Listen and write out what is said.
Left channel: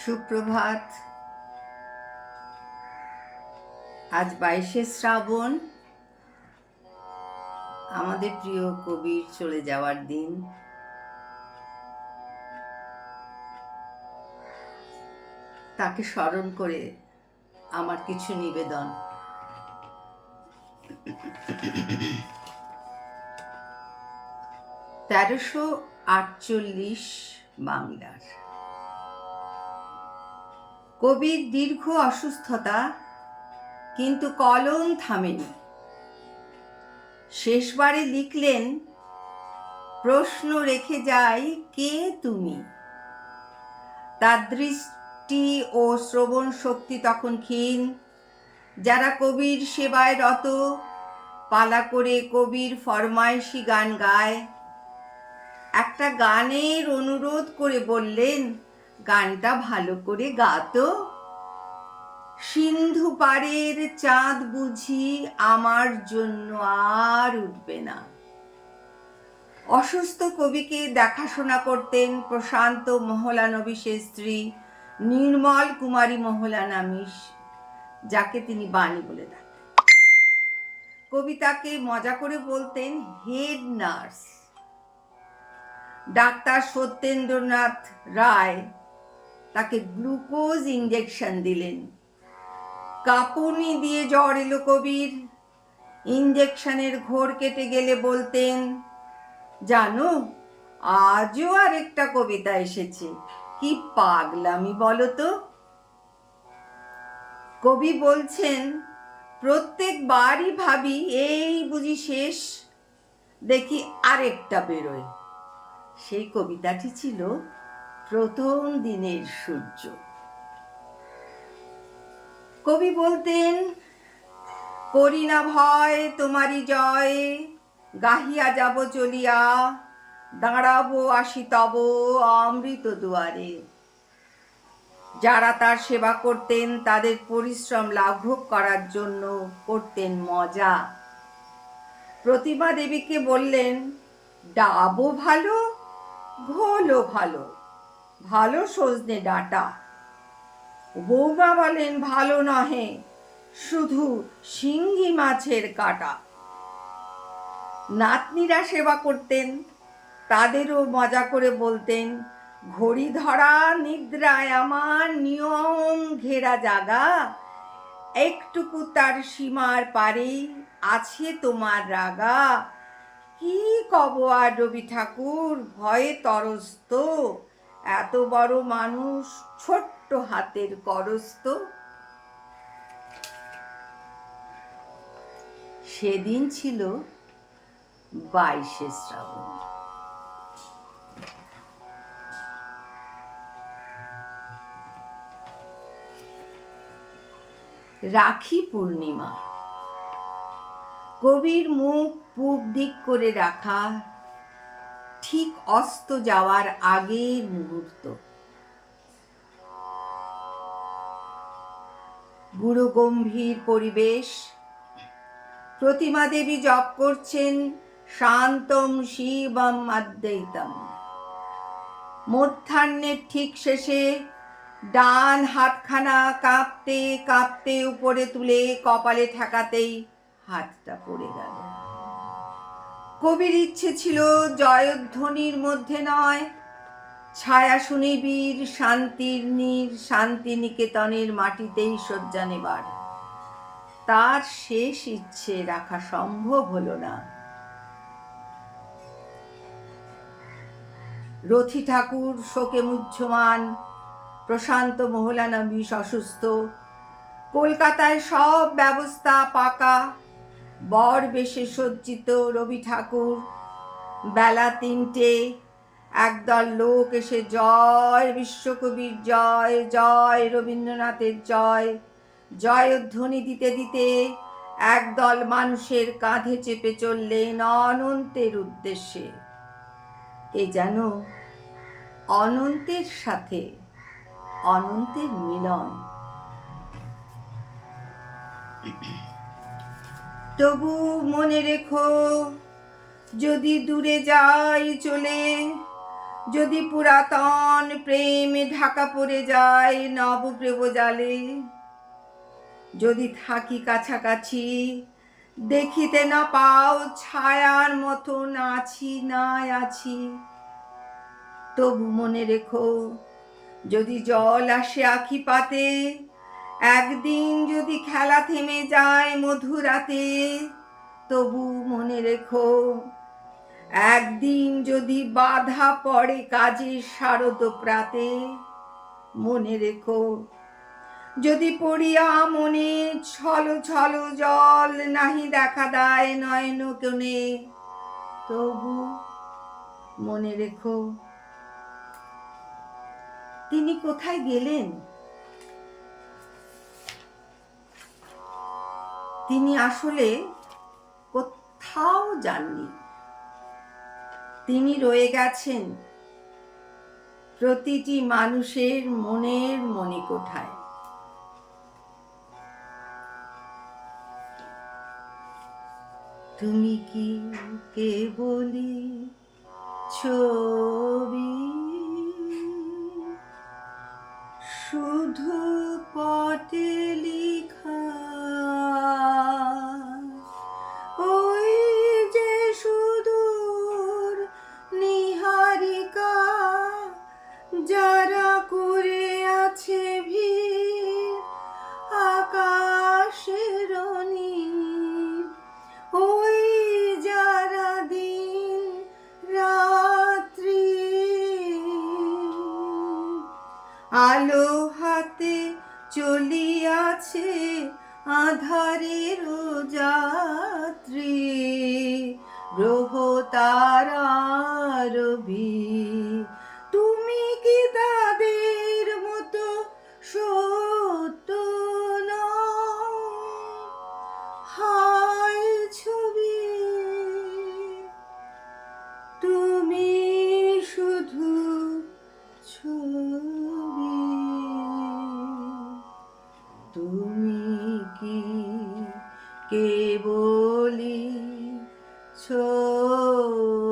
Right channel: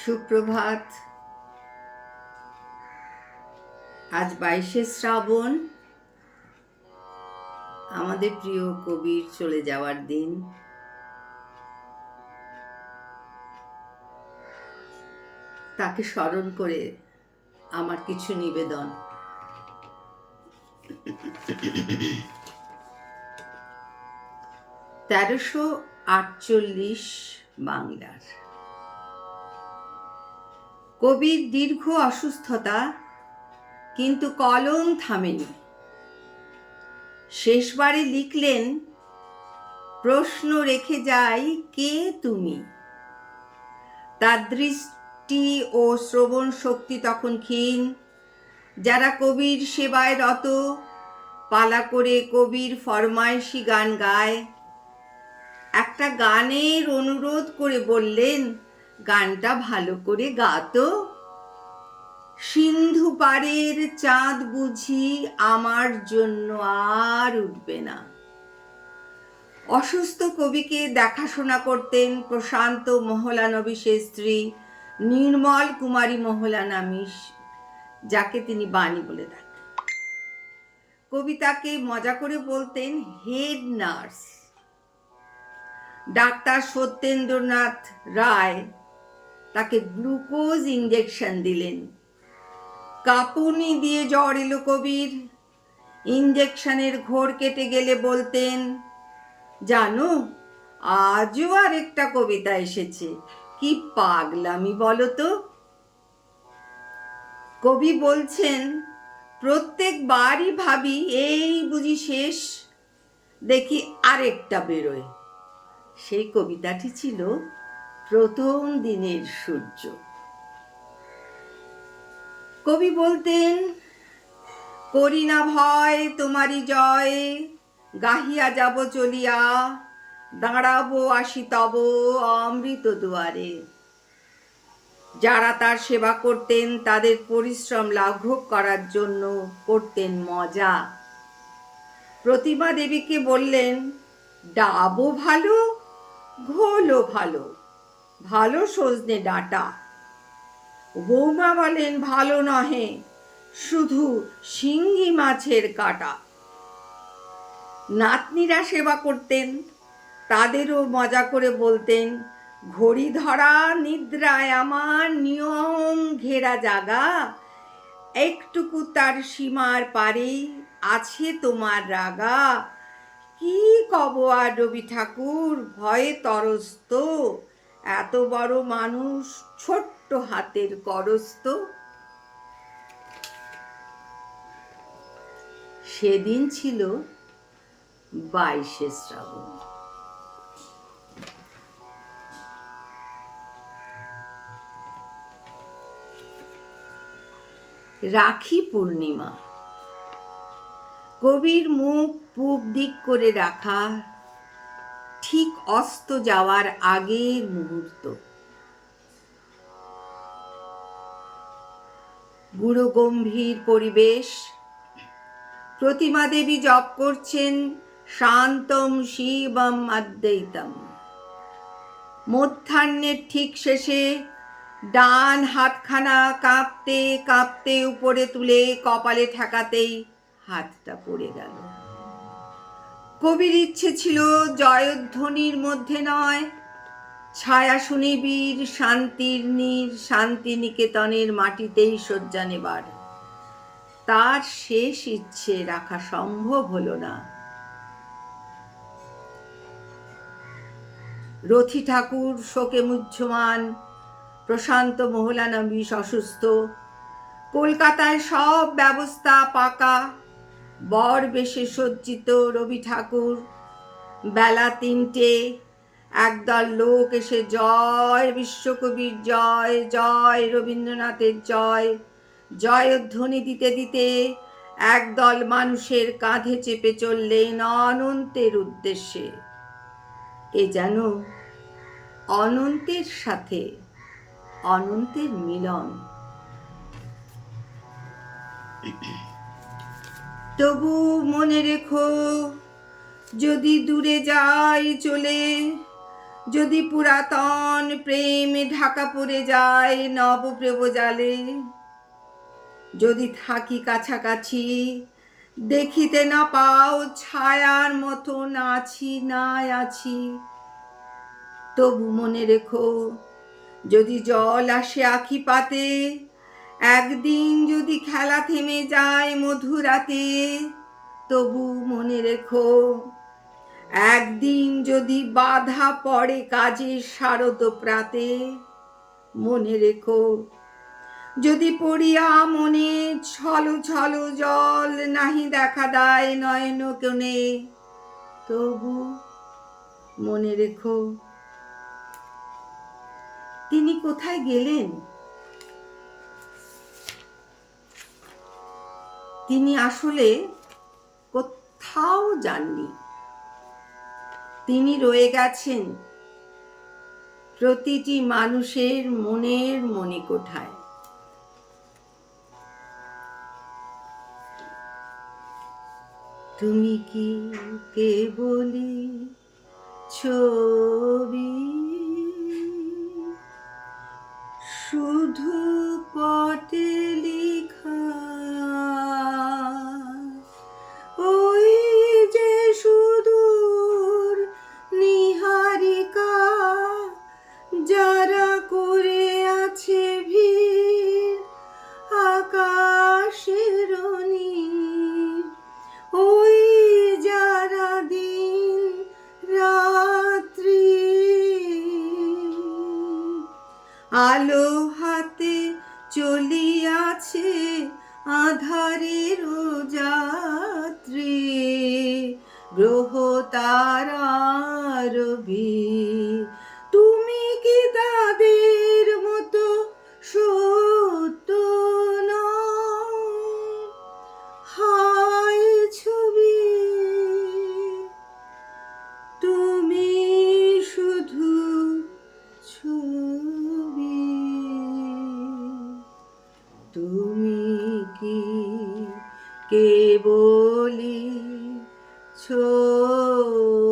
সুপ্রভাত। আজ বাইশে শ্রাবণ। আমাদের প্রিয় কবির চলে যাওয়ার দিন। তাকে স্মরণ করে আমার কিছু নিবেদন। তেরোশো আটচল্লিশ বাংলার। কবির দীর্ঘ অসুস্থতা, কিন্তু কলম থামেনি। শেষবারে লিখলেন, প্রশ্ন রেখে যাই কে তুমি? তার দৃষ্টি ও শ্রবণ শক্তি তখন ক্ষীণ। যারা কবির সেবায় রত, পালা করে কবির ফরমাইশি গান গায়। একটা গানের অনুরোধ করে বললেন গানটা ভালো করে গাতো। সিন্ধু পাড়ের চাঁদ বুঝি আমার জন্য আর উঠবে না। অসুস্থ কবিকে দেখাশোনা করতেন প্রশান্ত মহলানবিশের স্ত্রী নির্মল কুমারী মহলানামিস যাকে তিনি বাণী বলে থাকেন কবিতাকে মজা করে বলতেন হেড নার্স। ডাক্তার সত্যেন্দ্রনাথ রায় গ্লুকোজ ইঞ্জেকশন দিলেন। কাঁপুনি দিয়ে জ্বর এলো কবির। ইঞ্জেকশনের ঘোর কেটে গেলে বলতেন, জানো, আজও আরেকটা কবিতা এসেছে। কি পাগলামি বলো তো? কবি বলছেন প্রত্যেকবারই ভাবি, এই বুঝি শেষ, দেখি আরেকটা বেরোয়। সেই কবিতাটি ছিল প্রথম দিনের সূর্য। কবি বলতেন, করি না ভয়, তোমারই জয়। গাহিয়া যাব চলিয়া, দাঁড়াবো আসি তব অমৃত দুয়ারে। যারা তার সেবা করতেন, তাদের পরিশ্রম লাঘব করার জন্য করতেন মজা। প্রতিমা দেবীকে বললেন ডাবও ভালো, ঘোলও ভালো। ভালো সজনে ডাঁটা। বৌমা বলেন, ভালো নহে, শুধু শিঙ্গি মাছের কাটা। নাতনিরা সেবা করতেন, তাদেরও মজা করে বলতেন, ঘড়ি ধরা নিদ্রায় আমার নিয়ম ঘেরা জাগা, একটুকু তার সীমার পারেই আছে তোমার রাগা। কি কব আর রবি ঠাকুর, ভয়ে তরস্ত এত বড় মানুষ ছোট্ট হাতের করস্ত। সেদিন ছিল বাইশে শ্রাবণ। রাখি পূর্ণিমা। কবির মুখ পূব দিক করে রাখা ঠিক অস্ত যাওয়ার আগের মুহূর্ত। গুরু গম্ভীর পরিবেশ। প্রতিমা দেবী জপ করছেন, শান্তম শিবম অদ্বৈতম মধ্যাহ্নের ঠিক শেষে ডান হাতখানা কাঁপতে কাঁপতে উপরে তুলে কপালে ঠেকাতেই হাতটা পড়ে গেল। কবির ইচ্ছে ছিল জয়ধ্বনির মধ্যে নয়। ছায়া সুনিবির শান্তির নীর শান্তি নিকেতনের মাটিতেই শয্যা নেবার। তার শেষ ইচ্ছে রাখা সম্ভব হলো না। রথি ঠাকুর, শোকে মুহ্যমান, প্রশান্ত মহলানবিশ অসুস্থ। কলকাতায় সব ব্যবস্থা পাকা। বর বেশে সজ্জিত রবি ঠাকুর। বেলা তিনটে, একদল লোক এসে জয় বিশ্বকবির জয় জয় রবীন্দ্রনাথের জয়। জয়ধ্বনি দিতে দিতে একদল মানুষের কাঁধে চেপে চললেন অনন্তের উদ্দেশ্যে। এ যেন অনন্তের সাথে অনন্তের মিলন। তবু মনে রেখো, যদি দূরে যাই চলে, যদি পুরাতন প্রেম ঢাকা পড়ে যায় নব জালে যদি থাকি কাছাকাছি, দেখিতে না পাও ছায়ার মতো আছি না আছি। তবু মনে রেখো, যদি জল আসে আখি পাতে একদিন যদি খেলা থেমে যায় মধুরাতে, তবু মনে রেখো, একদিন যদি বাধা পড়ে কাজের শারদ প্রাতে, মনে রেখো, যদি পড়িয়া মনে ছল ছল জল নাহি দেখা দেয় নয়ন কোণে, তবু মনে রেখো। তিনি কোথায় গেলেন? তিনি আসলে কোথাও যাননি। তিনি রয়ে গেছেন প্রতিটি মানুষের মনের মনে কোঠায় তুমি কি কেবলি ছবি? শুধু পটে গ্রহ তারার তুমি কি তাদের মতো সত্য? হায় ছবি, তুমি শুধু ছবি তুমি কি কেবলি to